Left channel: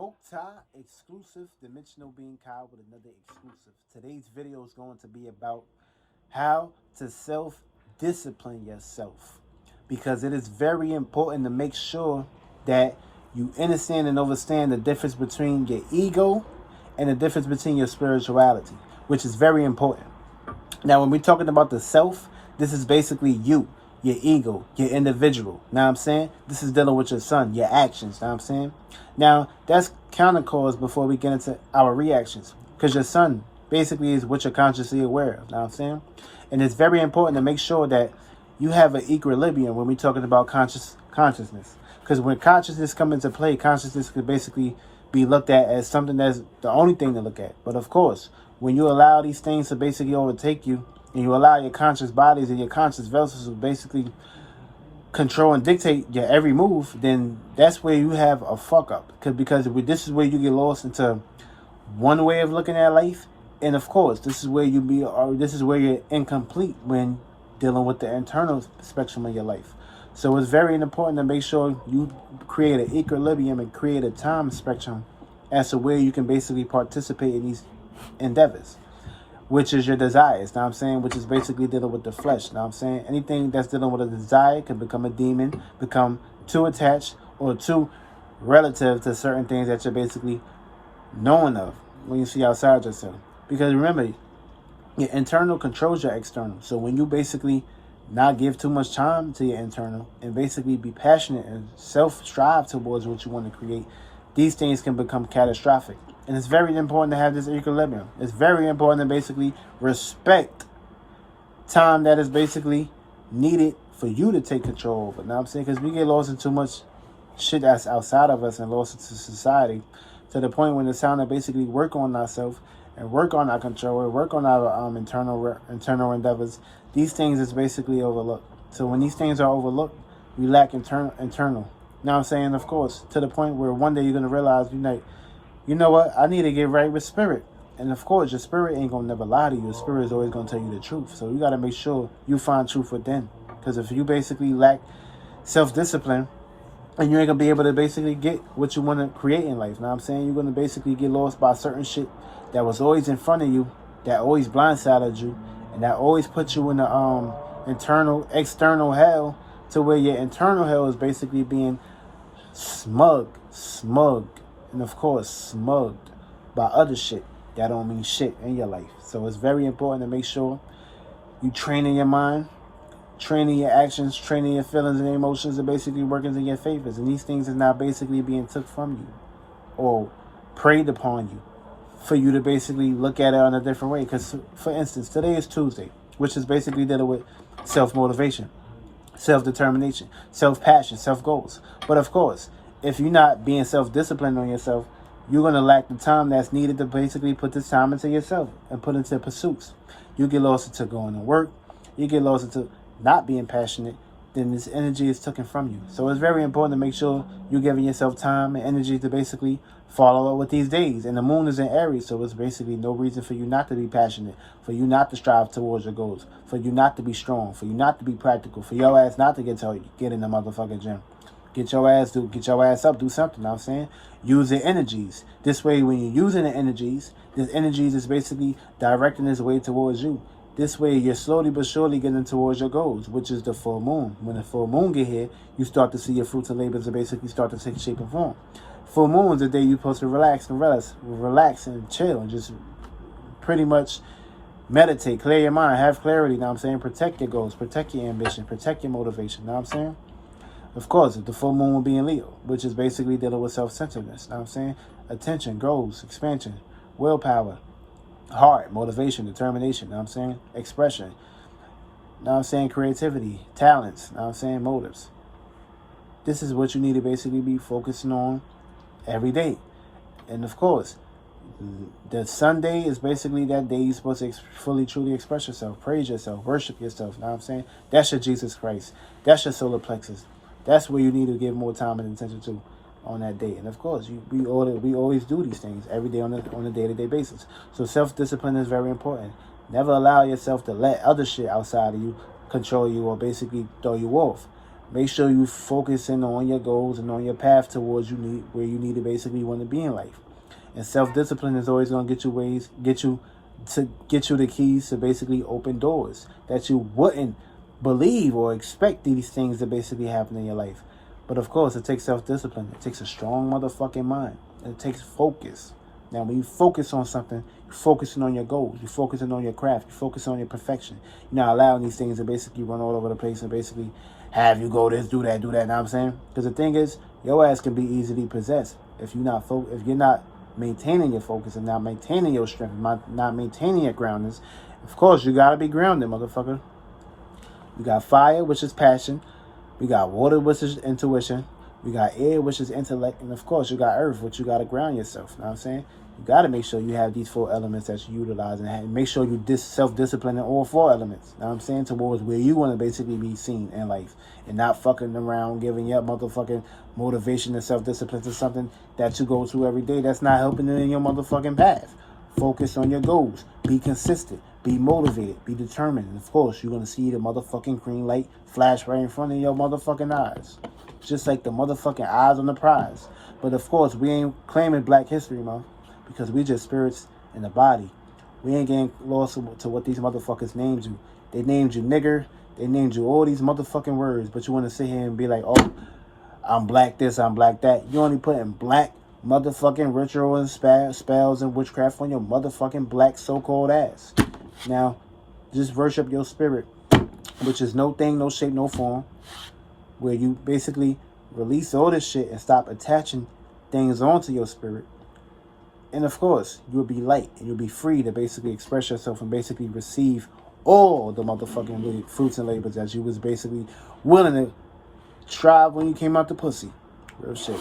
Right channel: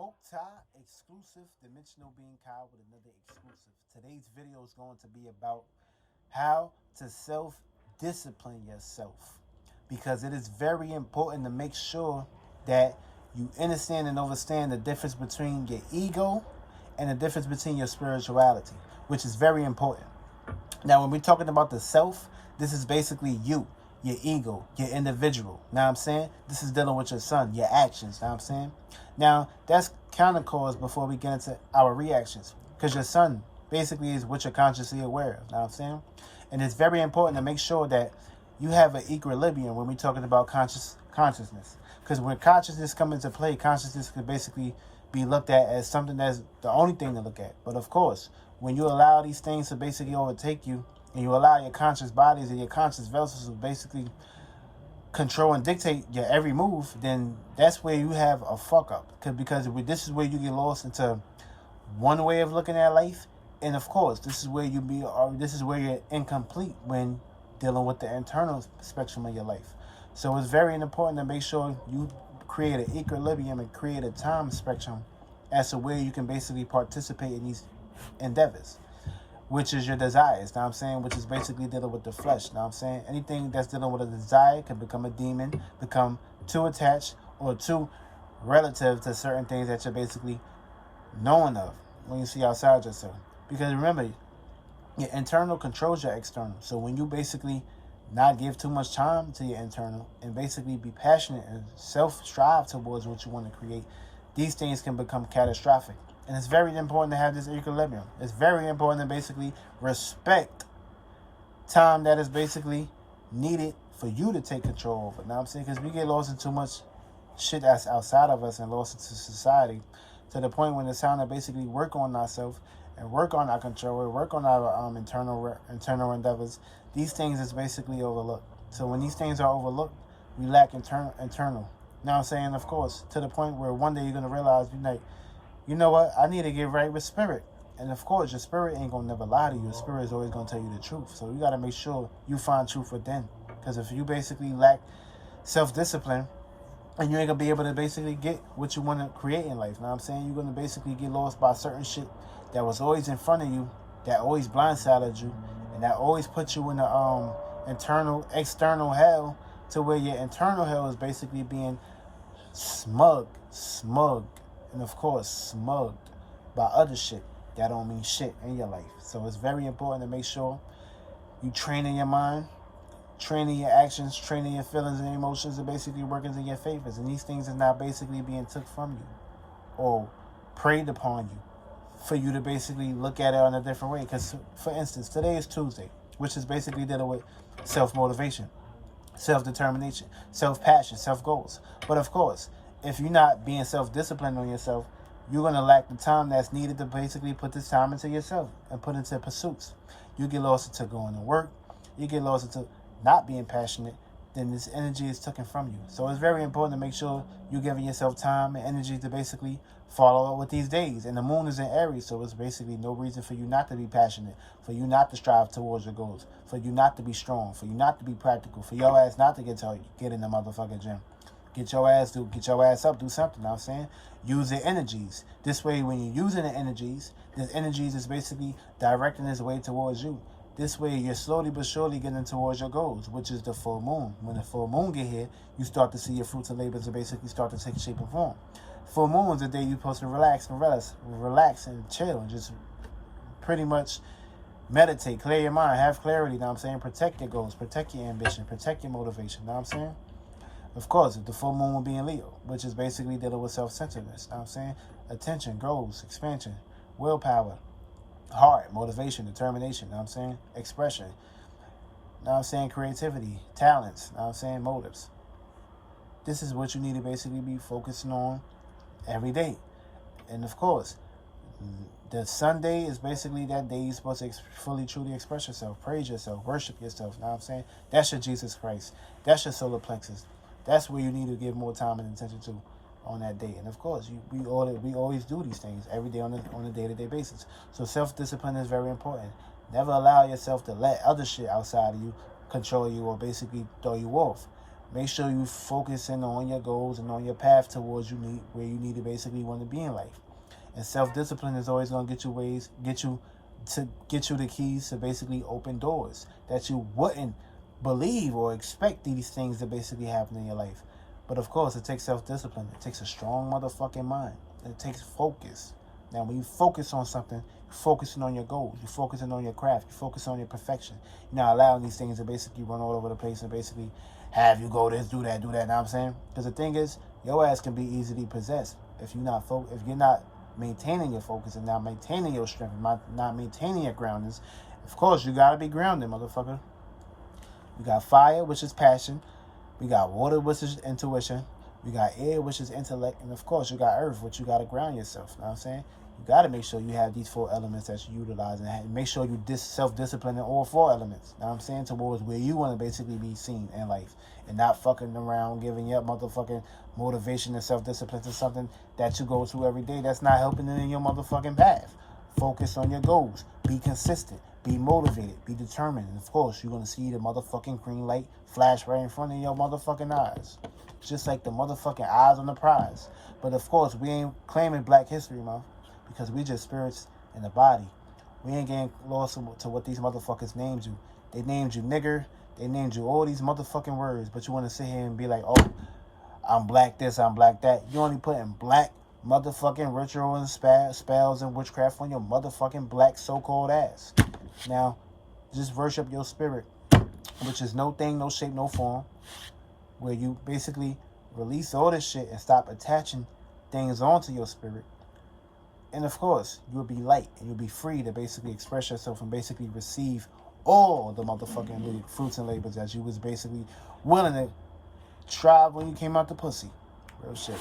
Smoke Tie exclusive Dimensional Being Kyle with another exclusive. Today's video is going to be about how to self discipline yourself because it is very important to make sure that you understand and understand the difference between your ego and the difference between your spirituality, which is very important. Now, when we're talking about the self, this is basically you, your ego, your individual. Now I'm saying? This is dealing with your son, your actions. Now I'm saying? Now, that's counter cause before we get into our reactions. Because your son basically is what you're consciously aware of. Now I'm saying? And it's very important to make sure that you have an equilibrium when we're talking about consciousness. Because when consciousness comes into play, consciousness could basically be looked at as something that's the only thing to look at. But of course, when you allow these things to basically overtake you, and you allow your conscious bodies and your conscious vessels to basically control and dictate your every move, then that's where you have a fuck up. Because this is where you get lost into one way of looking at life, and of course, this is where you're incomplete when dealing with the internal spectrum of your life. So it's very important to make sure you create an equilibrium and create a time spectrum as to where you can basically participate in these endeavors, which is your desires, know what I'm saying? Which is basically dealing with the flesh, know what I'm saying? Anything that's dealing with a desire can become a demon, become too attached or too relative to certain things that you're basically knowing of when you see outside yourself. Because remember, your internal controls your external. So when you basically not give too much time to your internal and basically be passionate and self-strive towards what you want to create, these things can become catastrophic. And it's very important to have this equilibrium. It's very important to basically respect time that is basically needed for you to take control over. Now I'm saying, because we get lost in too much shit that's outside of us and lost into society to the point when it's time to basically work on ourselves and work on our control and work on our internal endeavors. These things is basically overlooked. So when these things are overlooked, we lack internal. Now I'm saying, of course, to the point where one day you're going to realize, you know what? I need to get right with spirit. And of course, your spirit ain't going to never lie to you. Your spirit is always going to tell you the truth. So you got to make sure you find truth within. Because if you basically lack self-discipline, and you ain't going to be able to basically get what you want to create in life. Now I'm saying, you're going to basically get lost by certain shit that was always in front of you, that always blindsided you, and that always put you in the external hell, to where your internal hell is basically being smugged, and of course, smugged by other shit that don't mean shit in your life. So it's very important to make sure you training your mind, training your actions, training your feelings and emotions are basically working in your favors. And these things is now basically being took from you or preyed upon you for you to basically look at it in a different way. Because, for instance, today is Tuesday, which is basically dealing with self-motivation, self-determination, self-passion, self-goals. But of course, if you're not being self-disciplined on yourself, you're going to lack the time that's needed to basically put this time into yourself and put into pursuits. You get lost into going to work. You get lost into not being passionate. Then this energy is taken from you. So it's very important to make sure you're giving yourself time and energy to basically follow up with these days. And the moon is in Aries, so it's basically no reason for you not to be passionate, for you not to strive towards your goals, for you not to be strong, for you not to be practical, for your ass not to get in the motherfucking gym. Get your ass up, do something, know what I'm saying? Use the energies. This way, when you're using the energies, this energies is basically directing its way towards you. This way, you're slowly but surely getting towards your goals, which is the full moon. When the full moon get here, you start to see your fruits and labors to basically start to take shape and form. Full moon is the day you're supposed to relax and chill and just pretty much meditate, clear your mind, have clarity, know what I'm saying? Protect your goals, protect your ambition, protect your motivation, know what I'm saying? Of course, the full moon will be in Leo, which is basically dealing with self-centeredness, know what I'm saying? Attention, goals, expansion, willpower, heart, motivation, determination, know what I'm saying? Expression, know what I'm saying? Creativity, talents, know what I'm saying? Motives. This is what you need to basically be focusing on every day. And of course, the Sunday is basically that day you're supposed to fully, truly express yourself, praise yourself, worship yourself, know what I'm saying? That's your Jesus Christ. That's your solar plexus. That's where you need to give more time and attention to on that day. And of course, we always do these things every day on a day-to-day basis. So self-discipline is very important. Never allow yourself to let other shit outside of you control you or basically throw you off. Make sure you focusing on your goals and on your path towards where you need to basically want to be in life. And self-discipline is always going to get you the keys to basically open doors that you wouldn't believe or expect these things to basically happen in your life. But of course, it takes self-discipline. It takes a strong motherfucking mind. It takes focus. Now, when you focus on something, you're focusing on your goals. You're focusing on your craft. You're focusing on your perfection. You're not allowing these things to basically run all over the place and basically have you go this, do that, Know what I'm saying? Because the thing is, your ass can be easily possessed if you're not maintaining your focus and not maintaining your strength, not maintaining your groundedness. Of course, you gotta be grounded, motherfucker. We got fire, which is passion. We got water, which is intuition. We got air, which is intellect. And of course, you got earth, which you got to ground yourself. You know what I'm saying? You got to make sure you have these 4 elements that you utilize and make sure you self-discipline in all 4 elements. You know what I'm saying? Towards where you want to basically be seen in life and not fucking around giving up motherfucking motivation and self-discipline to something that you go through every day that's not helping you in your motherfucking path. Focus on your goals. Be consistent. Be motivated. Be determined. And of course, you're going to see the motherfucking green light flash right in front of your motherfucking eyes. Just like the motherfucking eyes on the prize. But of course, we ain't claiming Black History Month because we just spirits in the body. We ain't getting lost to what these motherfuckers named you. They named you nigger. They named you all these motherfucking words. But you want to sit here and be like, oh, I'm black this, I'm black that. You only putting black motherfucking ritual and spells and witchcraft on your motherfucking black so-called ass. Now, just worship your spirit, which is no thing, no shape, no form, where you basically release all this shit and stop attaching things onto your spirit. And of course, you'll be light and you'll be free to basically express yourself and basically receive all the motherfucking fruits and labors that you was basically willing to try when you came out the pussy. Real shit.